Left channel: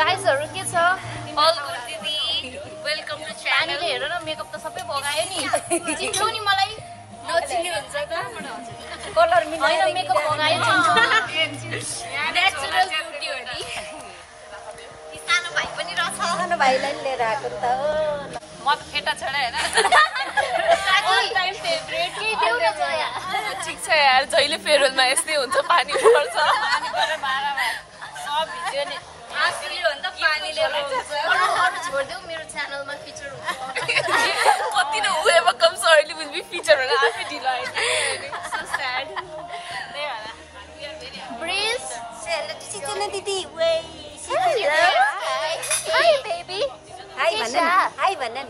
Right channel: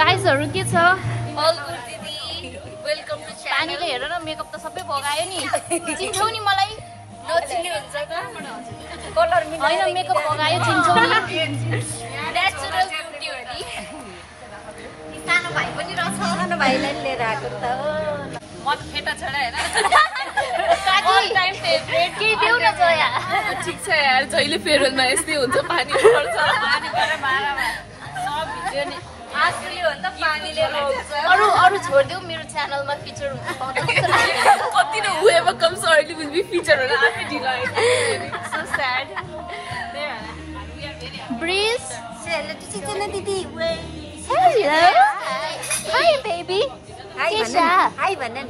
गाइसहरु के छ All good दिदी वेलकम टु च्यानल पानीले हेर न मेकअप त सबै भगायो नि चिन्छौ नि मलाई नचिन्ने हुन्छ त कलर मिलाएर हैन मेकअप भगायो चिन्छौ नि नेचुरल ब्युटी सानो भाइ पनि रहेछ सानो भाइलाई लिएर आएको त म त केटा छैन हैन ऑल टाइम फेभरेट के देउ न जया ठीक छ यार जहिले फेरलमा यस्तै हुन्छ पानी पर्छ पानी गरेर मारामा सब भिज्यो नि आजकल भन्दा पानीले अरु छोड्देऊ मेरो च्यानलमा फिचर हुन्छ कति न whoever comes early will be featured on आफै ढिला so sad ब्रिज hello दिदी hello hi baby केशा हाय भन नि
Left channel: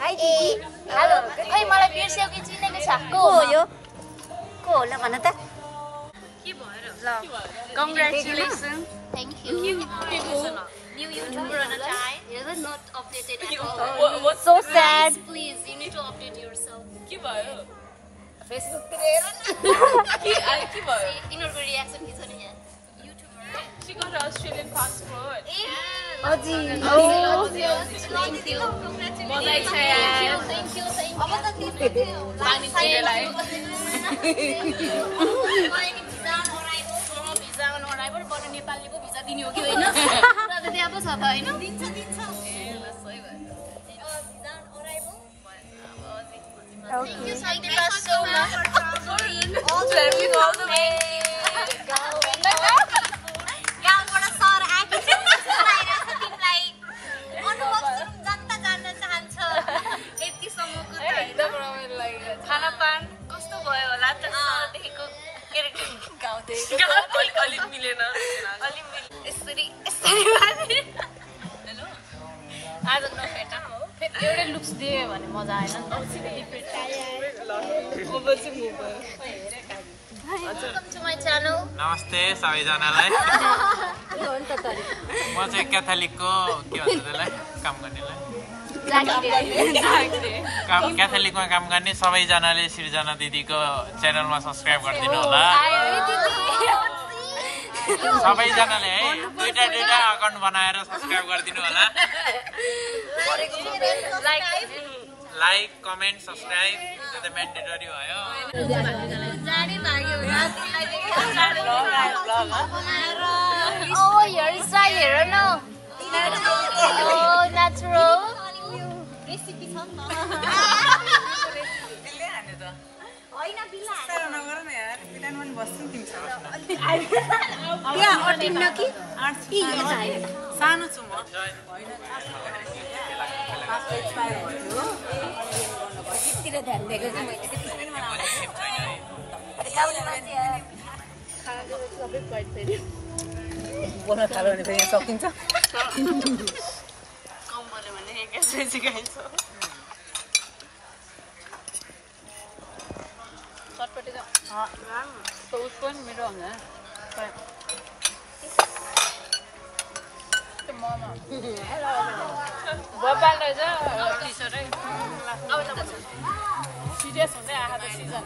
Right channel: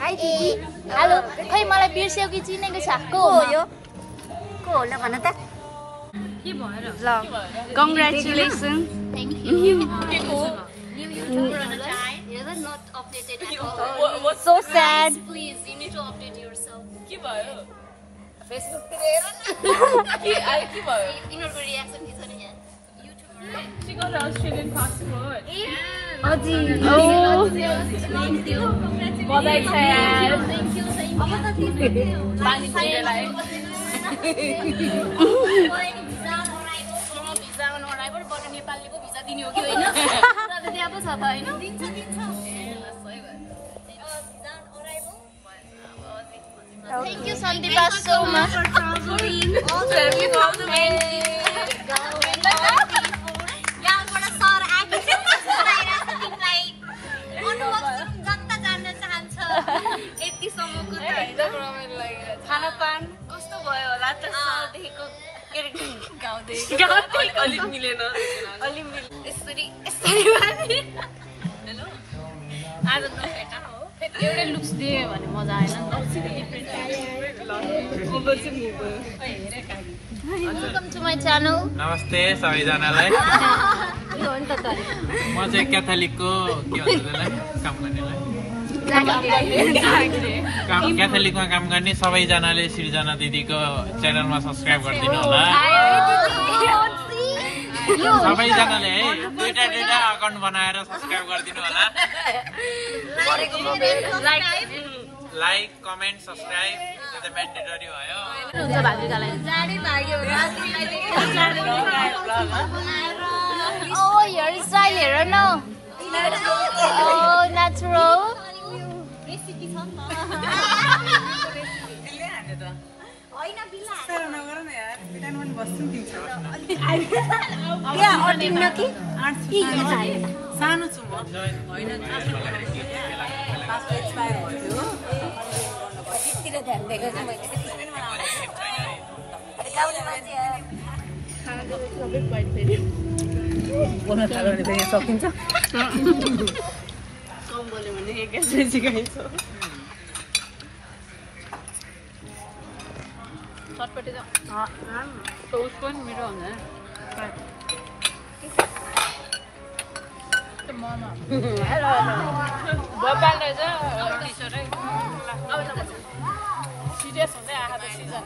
हाय दिदी हेलो खै मलाई बिर्स्यौ कि चिनेको छ को हो यो को होला भन त के भएर ल congratulation Thank you. New YouTuber on a chai. You're not updated at all. What's so sad? Please, you need to update yourself. के भयो Facebook पे ले रहा के आइ के भयो इनर रिएक्सन दिन्छ नि यहाँ YouTuber she got an Australian passport अजी ओ दिदी हो congratulations बधाई छ यार thank you अब त तिमीले पानी चाहिएलाई नेपालको भिजा दिने हो कि हैन रदै अब छ त हैन दिन्छ ए ल सही भयो Thank you Sandeepa so much for traveling all the way गाउँबाट सर आएको छ तिमीलाई अनुभव जनता जान्न चाहन्छ यतिसम्मको त खानपान कस्तो भयो होला त सरदेखिको गाउँदै अलिक मिलेन अलि यसरी आज नभेट हो एउटै लुक्स दिए भने मजा आएन Welcome to my channel. नमस्ते सबैजनालाई म चाहिँ क्याथोलिकको के भन्छ त्यसलाई क्याथोलिकमा काम गर्ने सबैजनाले सृजना दिदीको च्यानलमा सब्स्क्राइब गरिदिनु होला सबैजनाले है दुईटा अकाउन्ट बनाएर सब्स्क्राइब गरिदिनु होला लाइक कमेन्ट सब्स्क्राइब त्यो त म्यान्डेटरी भयो जाने भाग्यो Oh, your style हेर न Oh, natural. रेसिपी छ नि त हैन बिला सानो नगर न यार किन मैले बस्छु तिमीसँग या अर्डर कि के चाहियो सानो छु म होइन एक्सपायर भयो किन ध्यान दिएको चाहिँ मैले बोल्न थाल्यो भने फेरि सकिन्छ कम बोल्यो भने एकैचोटि सिकाइन्छ चटपटी त उसको नि मिठो हुन्छ सिरियस हुँदै आएको त सिजन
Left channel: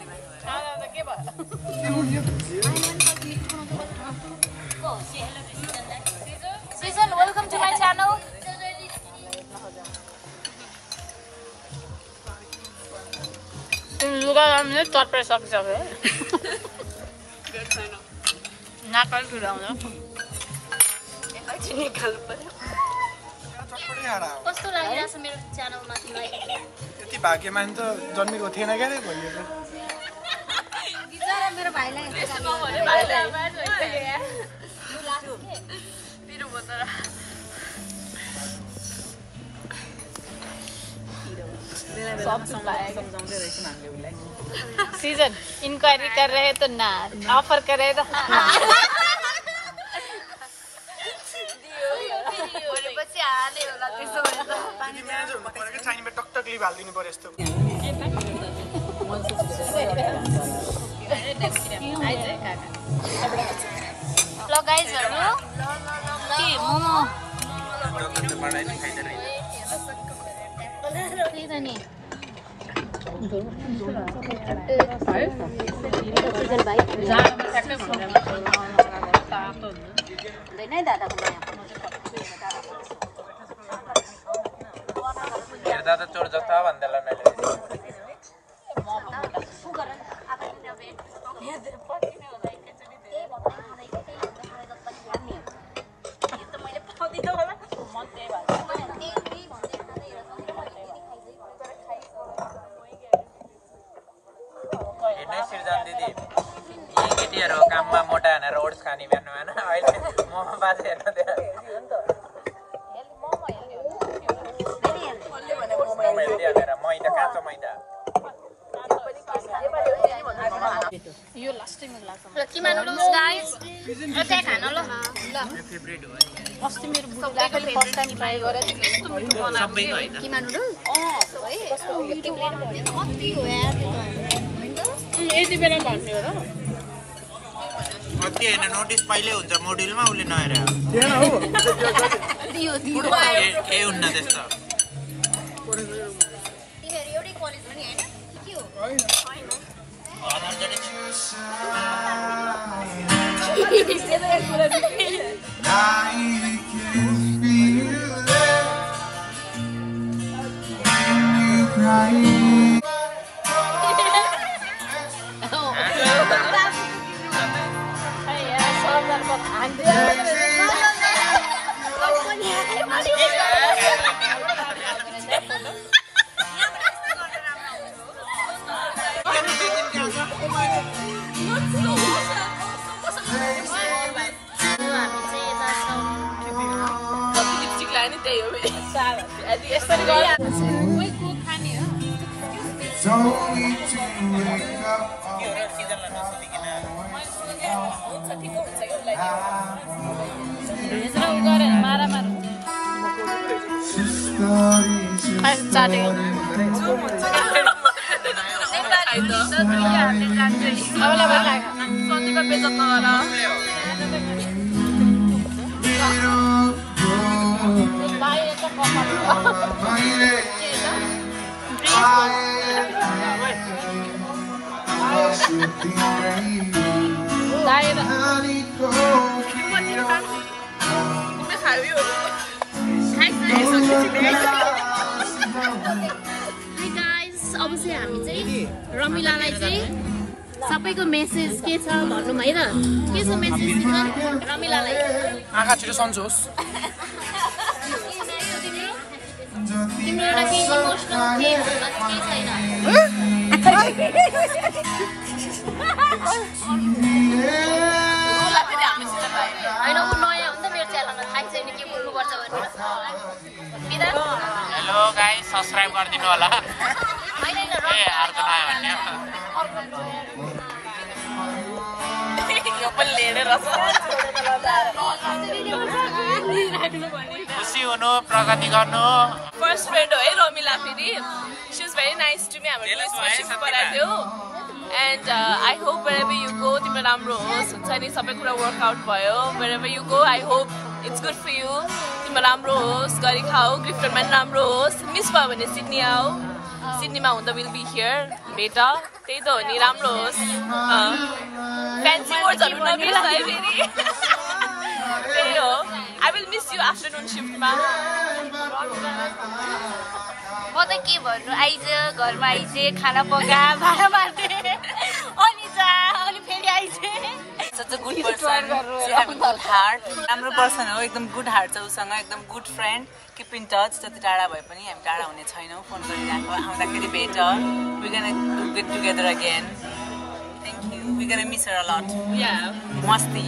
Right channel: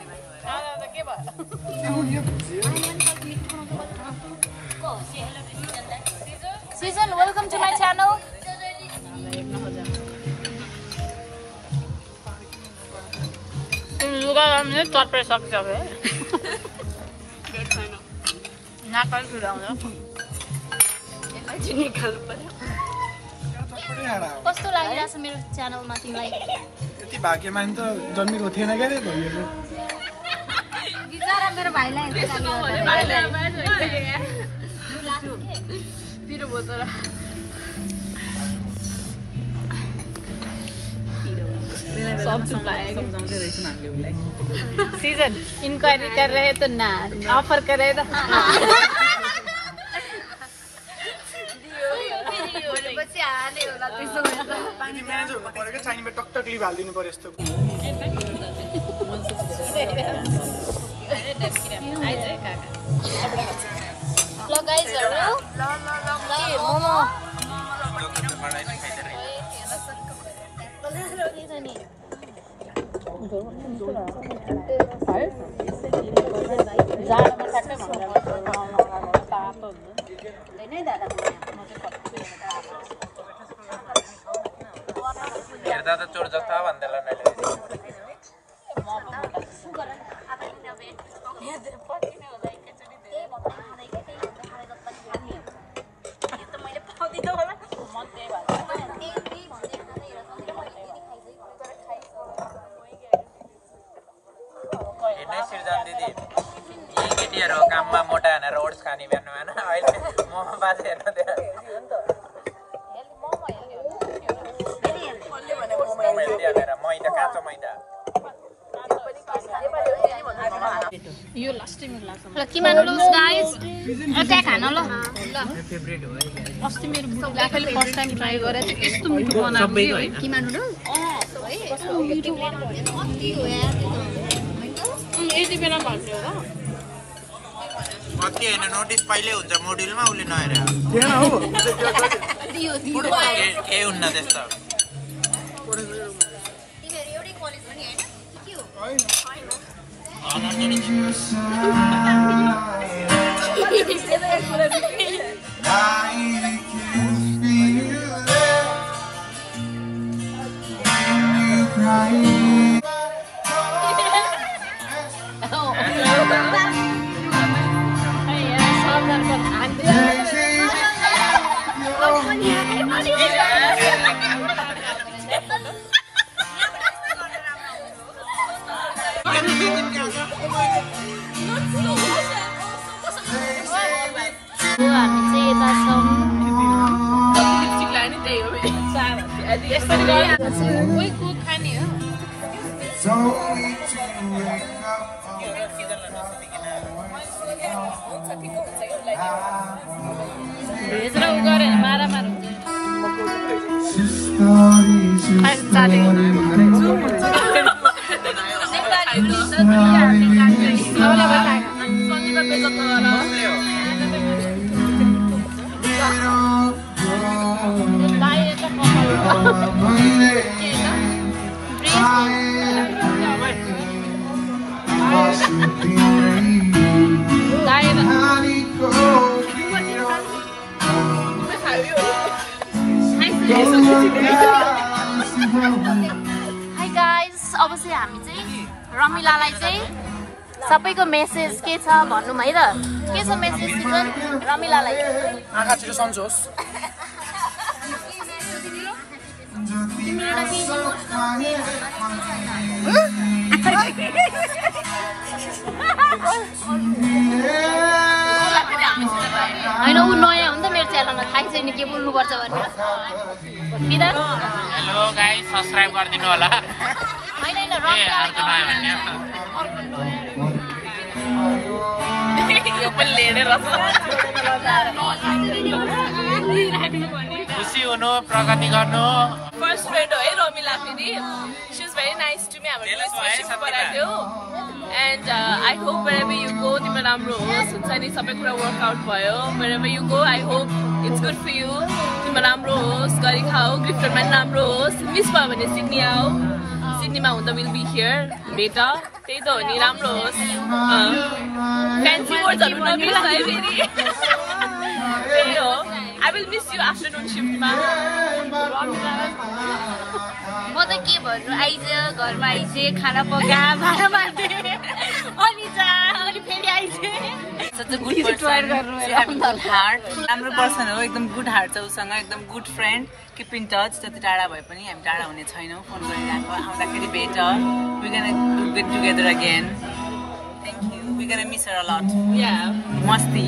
के भयो Season, welcome to my channel. लुगा हामीले चटपटी सकिसक्यो नाकल खिलाउँछ एकैछिन निकाल्नु पर्यो कस्तो लागिरहेछ मेरो च्यानलमा तिमीलाई त्यति भाग्यमान त जन्मेको थिएन क्या बिचारा मेरो भाइलाई पिरो बोतल सब चुपाएगा सीजन इंक्वायरी कर रहे तो ना ऑफर करे तो पानी म्यानेज हुनु पर्यो क्या चाइनीमा टकटक लिभ हालिदिनु पर्यो यस्तो ल गाइजहरु मोमो त्यही त नि जाडोमा ठ्याक्कै भनेर तातो हुन्छ दादाको सृजन दिदी यही केटीहरू काममा मोटा हानेर ओट्स खाने बिहान होइन अहिले मोमो बाजे हेर्नु त्यहाँ मोमो हेल्दी हानेर मैदा काँचो मैदा यो लास्टै मेरो लाग्छ ल किमा नुडल्स गाइस त्यहाँ खान ल फेभरेट हो अस्ति मेरो बुढाले फर्स्ट टाइम ट्राई गरेर चाहिँ यस्तो मिठो बनाएको है किमा नुडल्स कस्तो मिठो बनाएको कति हो यार त्यो त यति बेला भन्ने हो र कति होइन नोटिस पहिले हुन्छ मोड्युलमा उसले नहेरे केही हुन्न त्यस्तो तिनीहरू एउटै कलेज पनि होइन के हो भेज र उ गरेर मारामार हुन्छ हाई गाइस अब चाहिँ हामी चाहिँ रमिलालाई चाहिँ सबैको मेसेज के छ भनौँ है त के छ मेसेज रमिलालाई आँखा छिटो सन्चोस् होइन ऊ नयाँ हो नि त मेरो च्यानलमा थाहै छैन के बोल्नुपर्छ भनेर बिदा हेलो गाइस सब्स्क्राइब गरिदिनु होला होइन होइन रमिलालाई खुसी हुनु प्रगति गर्नु फर्स्ट फ्रेन्ड हो है रमिला फेरि she is very nice to me हामीले स्पेसिफिक बनाएको and I hope wherever you go तिम्रो राम्रो होस् हुन्छ नि सबै कुरा वर्कआउट भयो wherever you go I hope it's good for you तिम्रो राम्रो होस् गरी खाऊ गिफ्टमा राम्रो होस् मिस भयो भने सिडनी आऊ सिडनीमा हुँदा विल बी हियर भेट त्यही त हो नि राम्रो होस् फ्यान्सी वर्ड्सहरू नमिस है फेरि त्यही हो I will miss you afternoon shiftमा म त के भन्नु आइज घरमा आइजे खाना पका भाँडा मान्छे अनि जा अनि फेरि आइजे राम्रो पर्सन हो एकदम गुड हार्ट छ उसँग एकदम good friend keep in touch जति टाढा भए पनि हामी टाढा हुने छैनौँ फोन गरिरहेको आउँदाखेरि भेट we gonna do get together again thank you we gonna miss her a lot मस्ती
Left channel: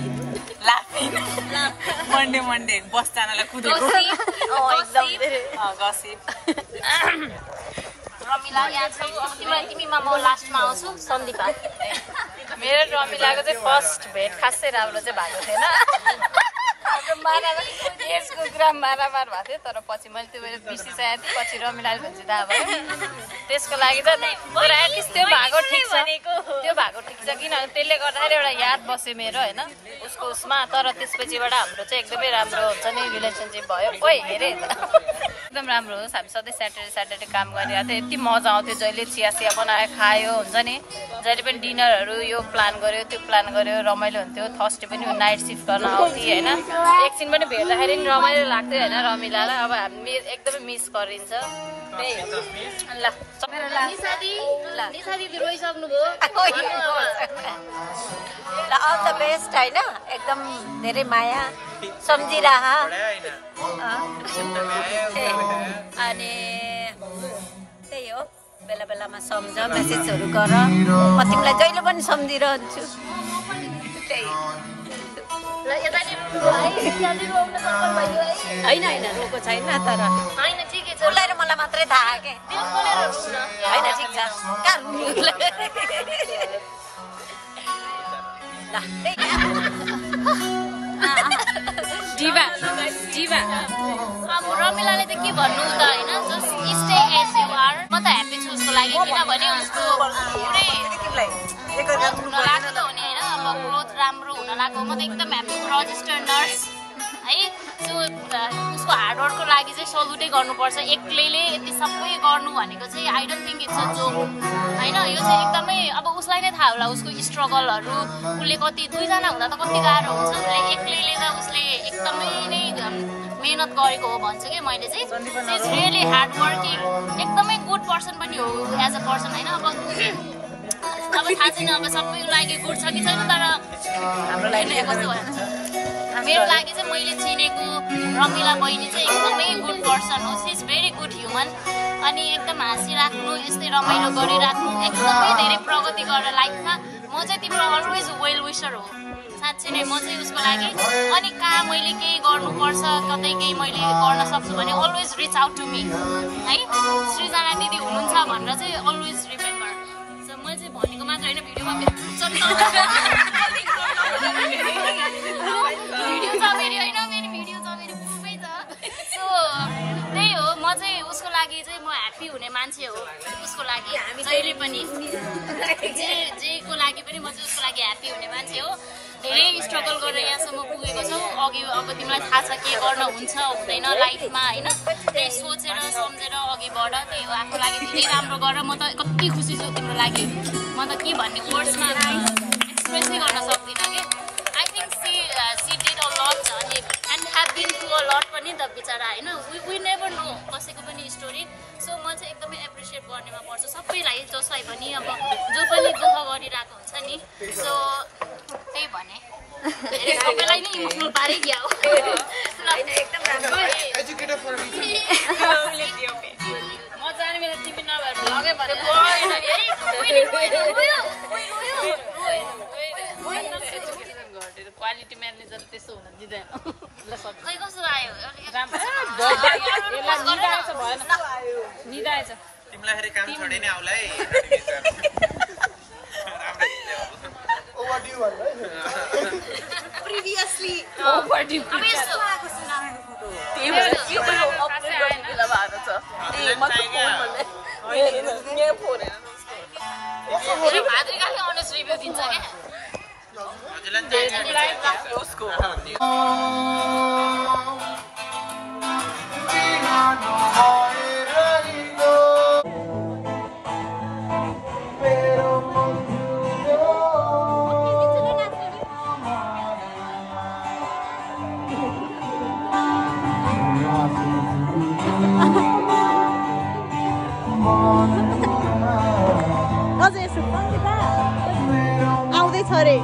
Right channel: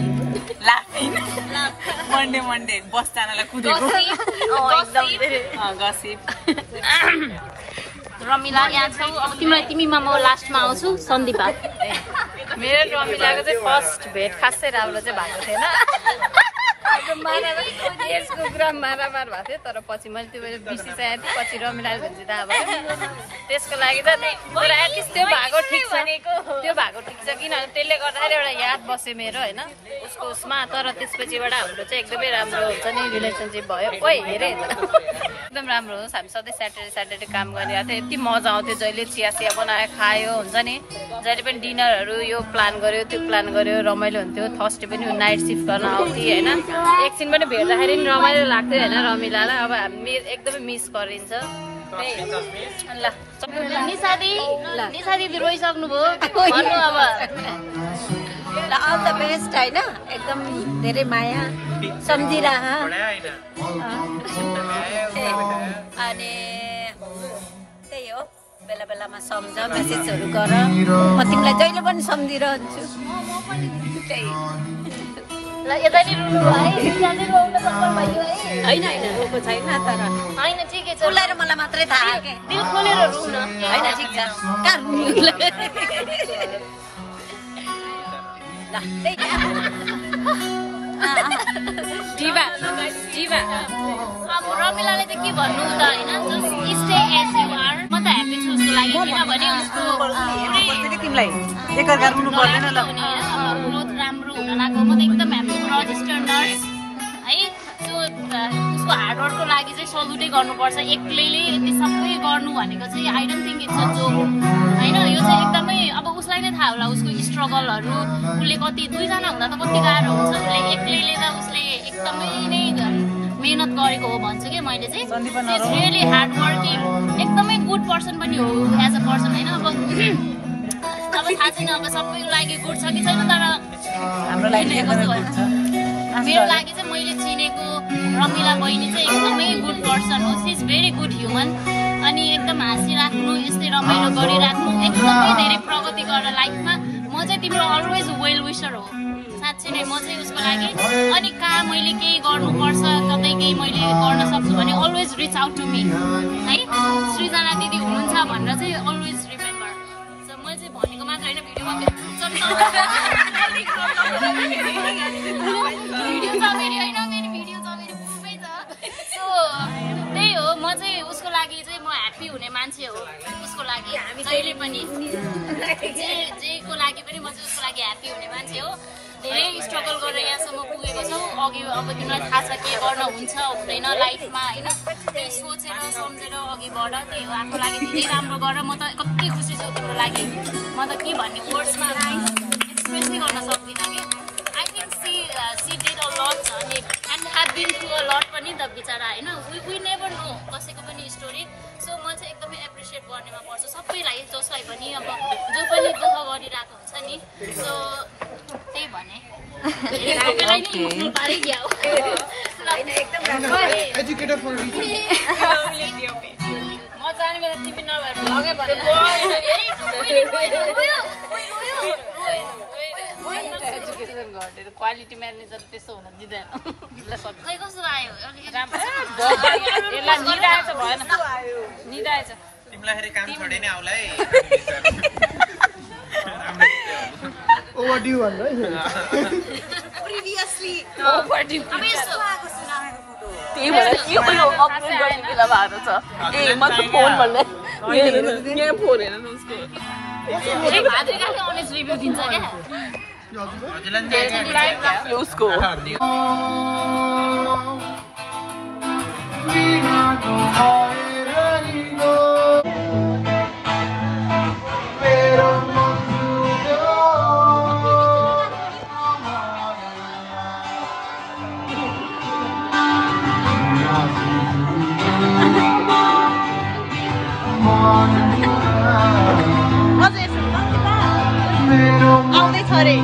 लाफिङ मन्डे बस जानलाई कुदेको गसिप रमिला यहाँ छौ अब तिमीमा म लास्टमा आउँछु सन्दीपा मेरो रमिलाको चाहिँ फर्स्ट भेट खासै राम्रो चाहिँ भएको थिएन यसको कुरा मारामार भएको थियो तर पछि मैले त्यो बेला बिर्सिसकेको थिएँ पछि रमिलाले भन्छ दा भयो त्यसको लागि त त्यो भएको ठिक छ त्यो भएको ठिक छ किनभने त्यसले गर्दाखेरि एउटा याद बस्यो मेरो होइन उसको उसमा तर त्यसपछिबाट हाम्रो चाहिँ एकदमै राम्रो हुन्छ नि रिलेसनसिप भयो ओइ हेरे एकदम राम्रो होस् हामी सधैँ स्याटरडे काम गरिरहेको थियो यति मजा आउँथ्यो जहिले चिया बनायो खायो हुन्छ नि जहिले पनि डिनरहरू यो प्लान गर्यो त्यो प्लान गर्यो रमाइलो हुन्थ्यो थर्सडे पनि नाइट सिफ्ट गर्न आउँथ्यो होइन एकछिन पनि भेट्दाखेरि नि रमाइलो लाग्थ्यो होइन रमिलालाई अब हामी एकदमै मिस गरिन्छ ल निशा दिदी रोइसक्नुभयो अब अल द बेस्ट होइन एकदम धेरै माया सम्झिरह अनि त्यही हो बेला बेलामा सम्झ मेसेजहरू गर म तिमीलाई जहिले पनि सम्झिरहन्छु त्यही यता नि रुनु है यता रुन सक्नु भयो है होइन रोएको छैन तर हैन ठिकै छ उसलाई र मलाई मात्रै थाहा हो कि दिल खोलेर रुन होइन ठिक छ कहाँ रुनु अब रमिलाले त के भन्नु त होइन just stay as you are म त ह्याप्पी छु उसको लागि किनभने उसको तिमीलाई एकअर्का रुनु पर्दैन ल ग्रोथ राम्रो हुन लाग्यो म त एकदम ह्याप्पी रजिस्टर्ड नर्स है सो उसको हार्डवर्कको लागि चाहिँ सल्युटै गर्नुपर्छ एक्लैले यति सबै गर्नु भनेको चाहिँ I don't think it's a joke होइन यो चाहिँ एकदमै अब उसलाई नै थाहा होला उसको स्ट्रगलहरू उसले कति दुईजना हुँदा त कति गाह्रो हुन्छ उसले एक्लैले त उसले एकदमै नै मेहनत गरेको हो भन्छु कि मैले चाहिँ इट्स रियली हार्ड वर्किङ एकदमै गुड पर्सन पनि हो एज अ पर्सन होइन अब थाहा छैन अब सबैको लागि गुड छ कि छैन तर हाम्रो लागि एकदमै गुड छ मेरो लागि चाहिँ मैले चिनेको रमिला बहिनी चाहिँ एकदमै गुड पर्सन हो she is very good human अनि एकदम हाँसिराख्नु यस्तै रमाइलो गरिराख्नु एकदमै धेरै प्रगति गरेर लाइफमा म चाहिँ तिम्रो अलवेज वेल विसर हो साँच्चै नै म चाहिँ उसको लागि अनि कहाँ मैले केही गर्नुपर्छ कतै केही मैले गर्न सक्छु भने always reach out to me है सृजना दिदी हुनुहुन्छ भनेर चाहिँ अलवेज रिमेम्बर मैले चाहिँ भनेको मात्र होइन भिडियोमा त्यही हो म चाहिँ उसको लागि चाहिँ म ह्याप्पी हुने मान्छे हो उसको लागि जहिले पनि जेको लागि पनि म चाहिँ उसको लागि ह्याप्पी हुने मान्छे हो धेरै स्ट्रगल गरेर यहाँसम्म पुगेको छौँ अघि अब तिमीलाई थाहा छ के गर्न हुन्छ हुँदैन लाइफमा होइन त्यही सोचेर सम्झेर अघि बढ त्यही हो आफ्नो लागि धेरै राम्रो गर म त कति खुसी छु तिम्रो लागि म त के भन्ने वर्ड्समा एक्सप्रेसै गर्न सक्दिनँ कि I think she did a lot अनि and have been through a lot पनि त बिचरा होइन वी नेभर नो कसैको पनि स्टोरी सो म चाहिँ एकदमै एप्रिसिएट गर्नेमा पर्छ सबैलाई जसलाई पनि अब जो पनि दुःख गरिरहेको हुन्छ नि सो त्यही भने सबैलाई नै इमोसनल पारिदिया हो एकदम राम्रो एजुकेटेड फर म जाने बेला टिपी नभएर लगे भने क्वालिटी म्यानेजर त्यसो हुन दिँदैन खै कस्तो आयो तिमीलाई काम छोडे नै आउला है ओभर ड्यू भन्नु है प्रिभियसली अब यस्तो त्यही भएर यो पनि अपलोड गर्ने बेला भएको छ ए मतलब फोन भन्ने यहाँ फोन हेर्नु न उसको भाद्रिकाले अनेस्ट रिभ्यू दिन्छ क्या उसको आउँदैछ अरे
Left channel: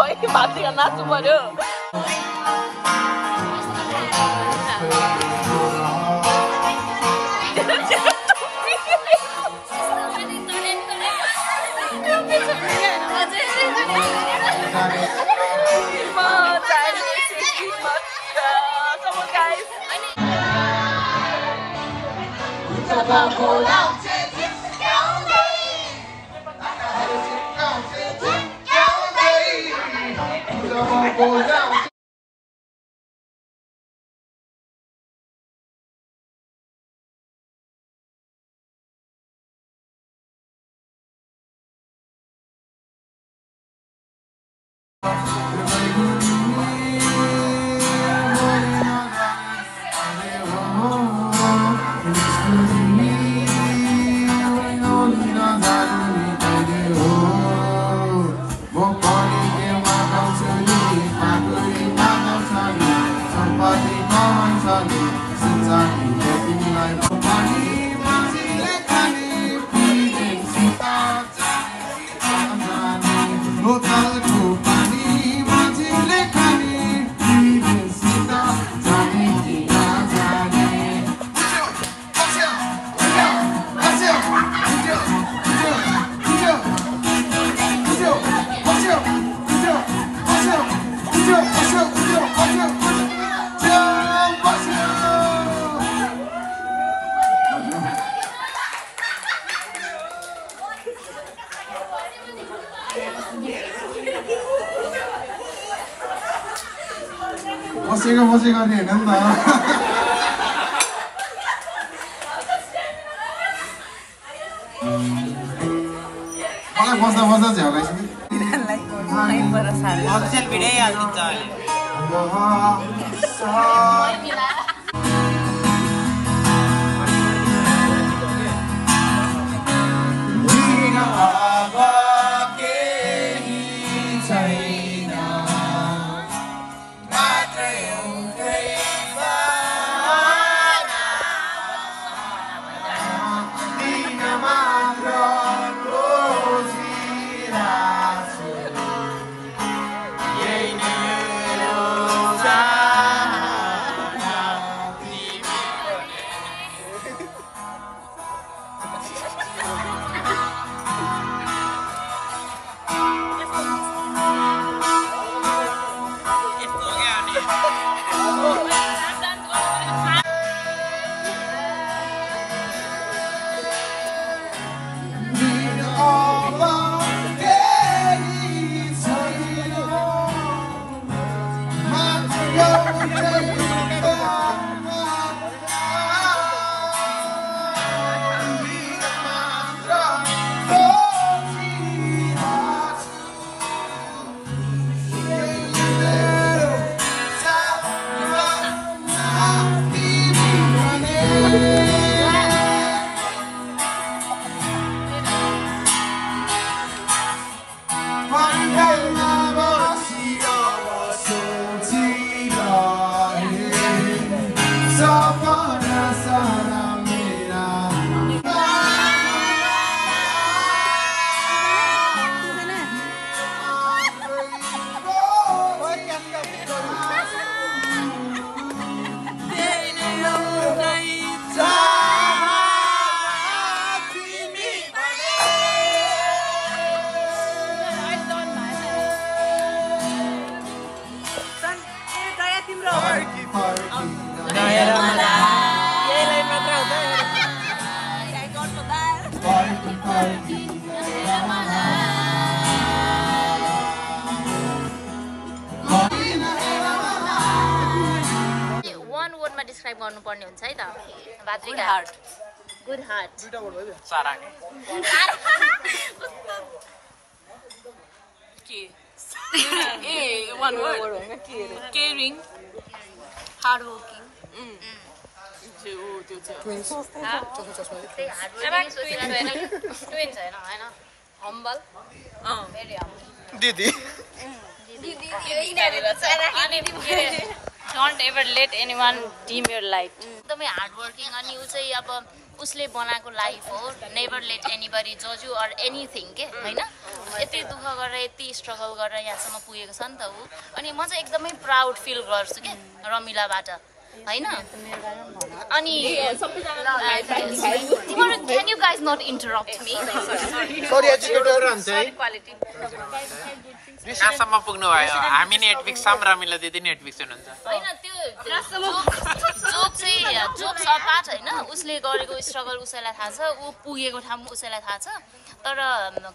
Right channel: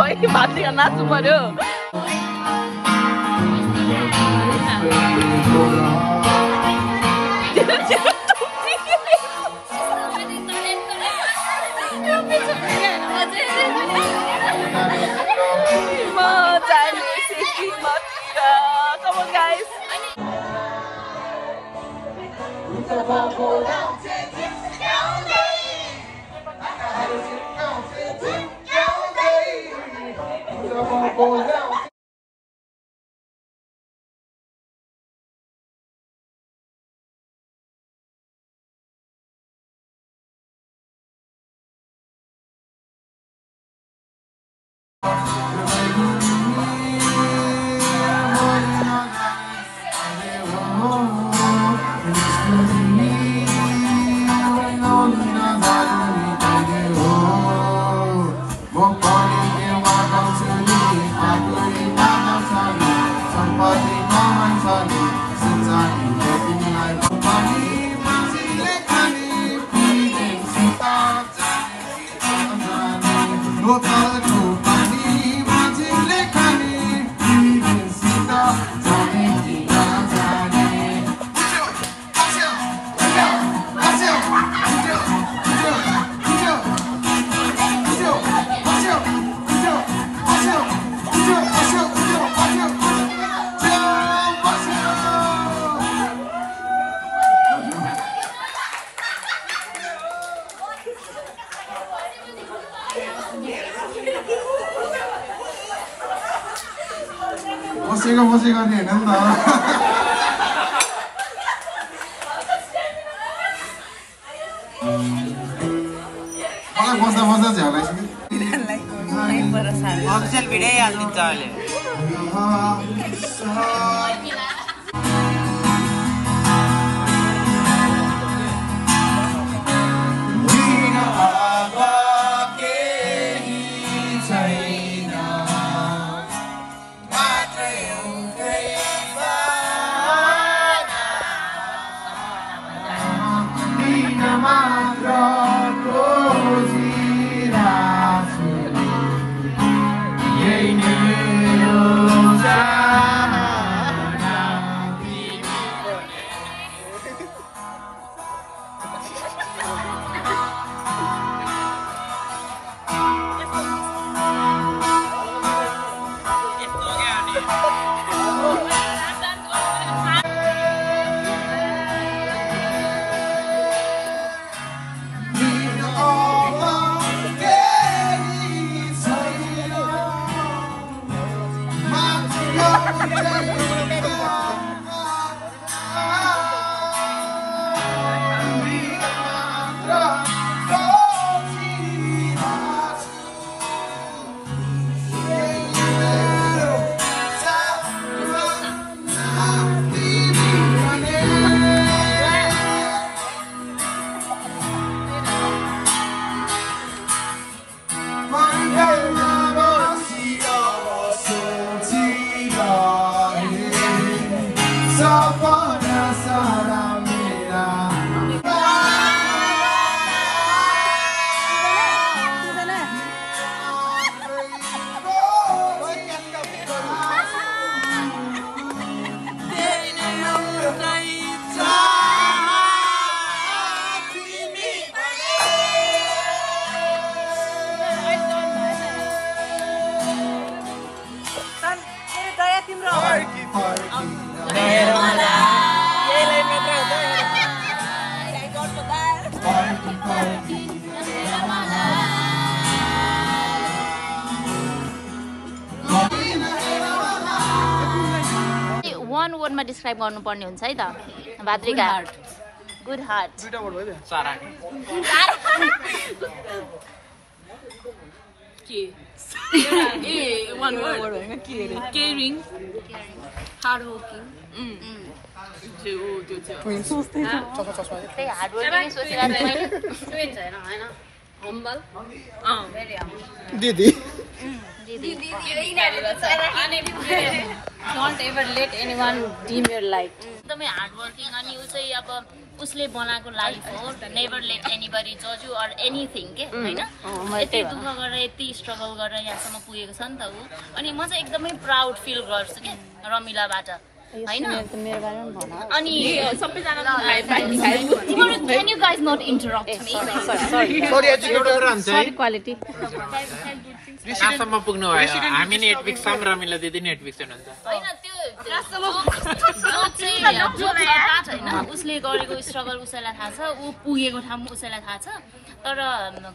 खै भातीका नाच्नु पर्यो Come on, guys. बोतलको पानी माझीले खाने तिमीसित जाने कि नजाने बसेको नि होइन नि त मलाई बस्दा झ्यालाइस नि अफिसियल भिडियो हालिदिन्छ अहिले वर्डमा डिस्क्राइब गर्नुपर्ने हुन्छ है त Bhadrika good heart caring hard working दिदी Don't ever let anyone dim your light. एकदमै हार्ड वर्किङ अनि उ चाहिँ अब उसले बनाएको लाइफ हो. नेभर लेट एनीबडी जज यु अर एनिथिङ के हैन. यति दुःख गरेर यति स्ट्रगल गरेर यहाँसम्म पुगेको छ नि त उ. अनि म चाहिँ एकदमै प्राउड फिल गर्छु के रमिलाबाट हैन. अनि can you guys not interrupt me? Sorry quality. कहाँसम्म पुग्नु भयो हामी नेटफ्लिक्स छौँ रमिला दिदी नेटफ्लिक्स हुनुहुन्छ हैन त्यो छैन उसले गरेको स्ट्रगल उसैलाई थाहा छ ऊ पुगेको ठाउँ उसैलाई थाहा छ तर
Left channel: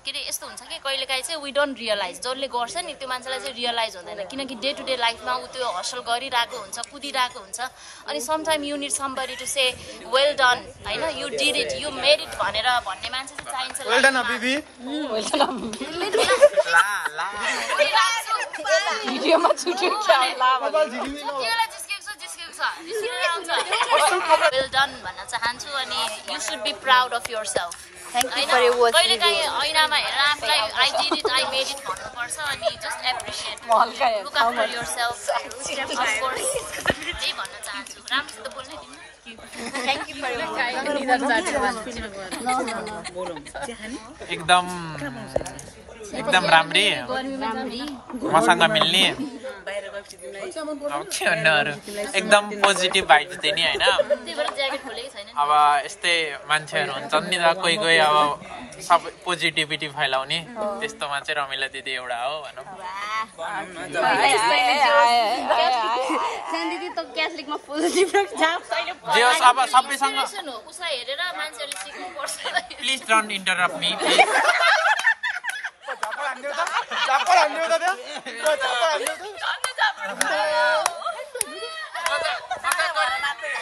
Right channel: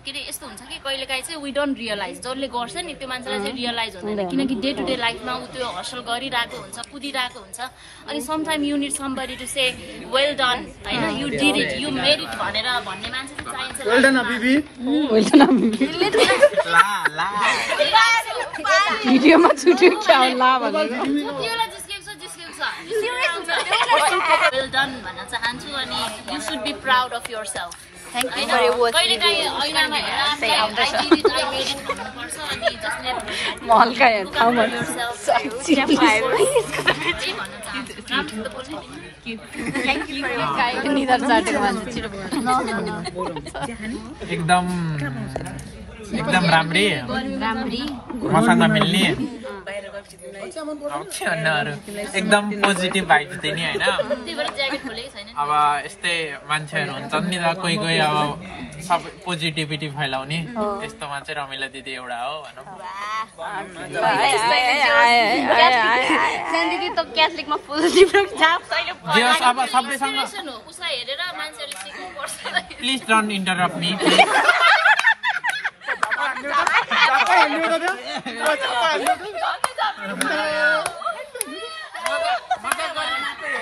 के अरे यस्तो हुन्छ कि कहिलेकाहीँ चाहिँ वी डोन्ट रियलाइज जसले गर्छ नि त्यो मान्छेलाई चाहिँ रियलाइज हुँदैन किनकि डे टु डे लाइफमा ऊ त्यो हसल गरिरहेको हुन्छ कुदिरहेको हुन्छ अनि sometime you need somebody to say well done हैन you did it you made it भनेर भन्ने मान्छे चाहिँ चाहिन्छ वेल डन अबिबी भिडियोमा छुट्यो क्या होला भनेर त्यसलाई जिस्केको छ वेल डन भन्न चाहन्छु अनि you should be proud of yourself कहिलेकाहीँ ऐनामा हेरेर आफूलाई I did it I made it भन्नुपर्छ अनि जसले म हल्का ठाउँमा एकदम एकदम राम्री मसँग मिल्ने एकदम पोजिटिभ भाइब दिने होइन अब यस्तै मान्छेहरू हुन्छन् नि त कोही कोही अब सबै पोजिटिभिटी फैलाउने त्यस्तोमा चाहिँ रमिला दिदी एउटा हो भनौँ जे होस् अब सबैसँग प्लिज डोन्ट इन्टरप्ट मी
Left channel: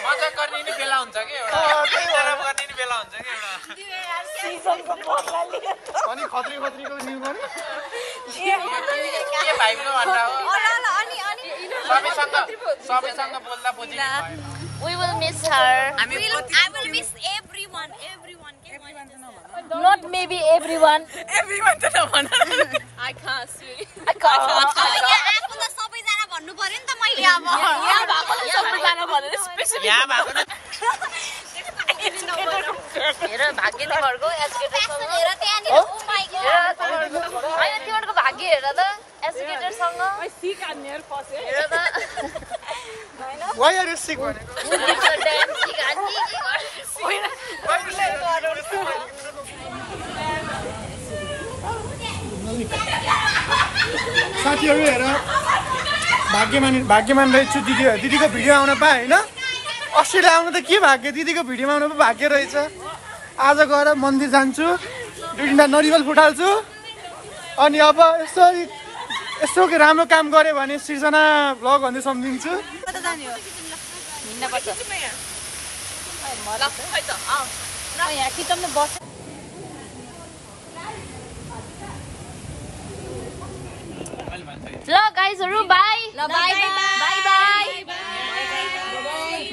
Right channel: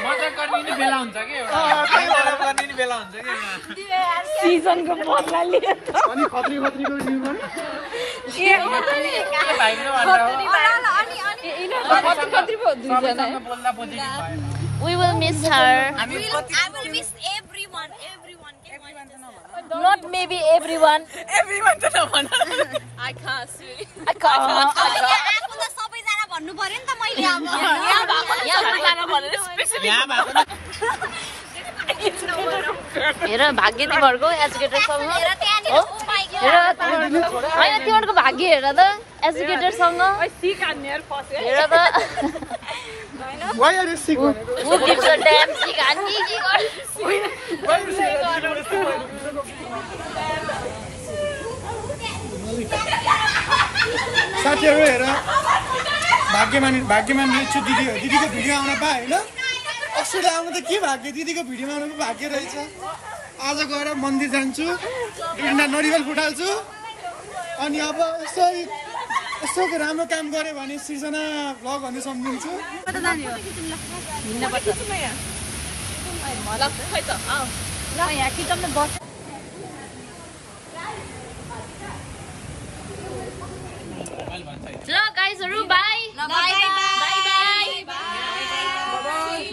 मजा गर्ने नि बेला हुन्छ कि गर्ने नि बेला हुन्छ कि सिजनको बदला लिएर अनि खत्री खत्रीको नियम के भाइबमा भन्दा हो सबैसँग बोल्दा positive We will miss her. I will miss everyone. Not maybe everyone. Everyone to the one. I can't see. आफू त सबैजना भन्नु पर्यो नि त मैले अब हेर भाग्य तिमीहरूको एजुकेटरसँग हेर होइन तिमीहरूको भाग्य हेर त एजुकेटरसँग हेर त Why are you sick भनेको साथीहरू हेर भाग्यमान रहेछु दिदीको भिडियो आउन पाएँ होइन अस्ट्रेलिया आउनु त के भाग्य दिदीको भिडियोमा आउनु पो भाग्य रहेछ आज गएर मन्दिर जान्छु 2-3 नरिवल फुटाल्छु अनि अब यसो राम्रो काम गऱ्यो भने सृजना भ्लग भन्ने सम्झिन्छु ल गाइजहरु bye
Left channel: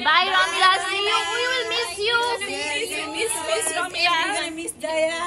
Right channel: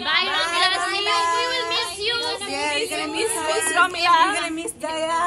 bye Ramila, we will miss you. Miss Ramila. Miss Daya.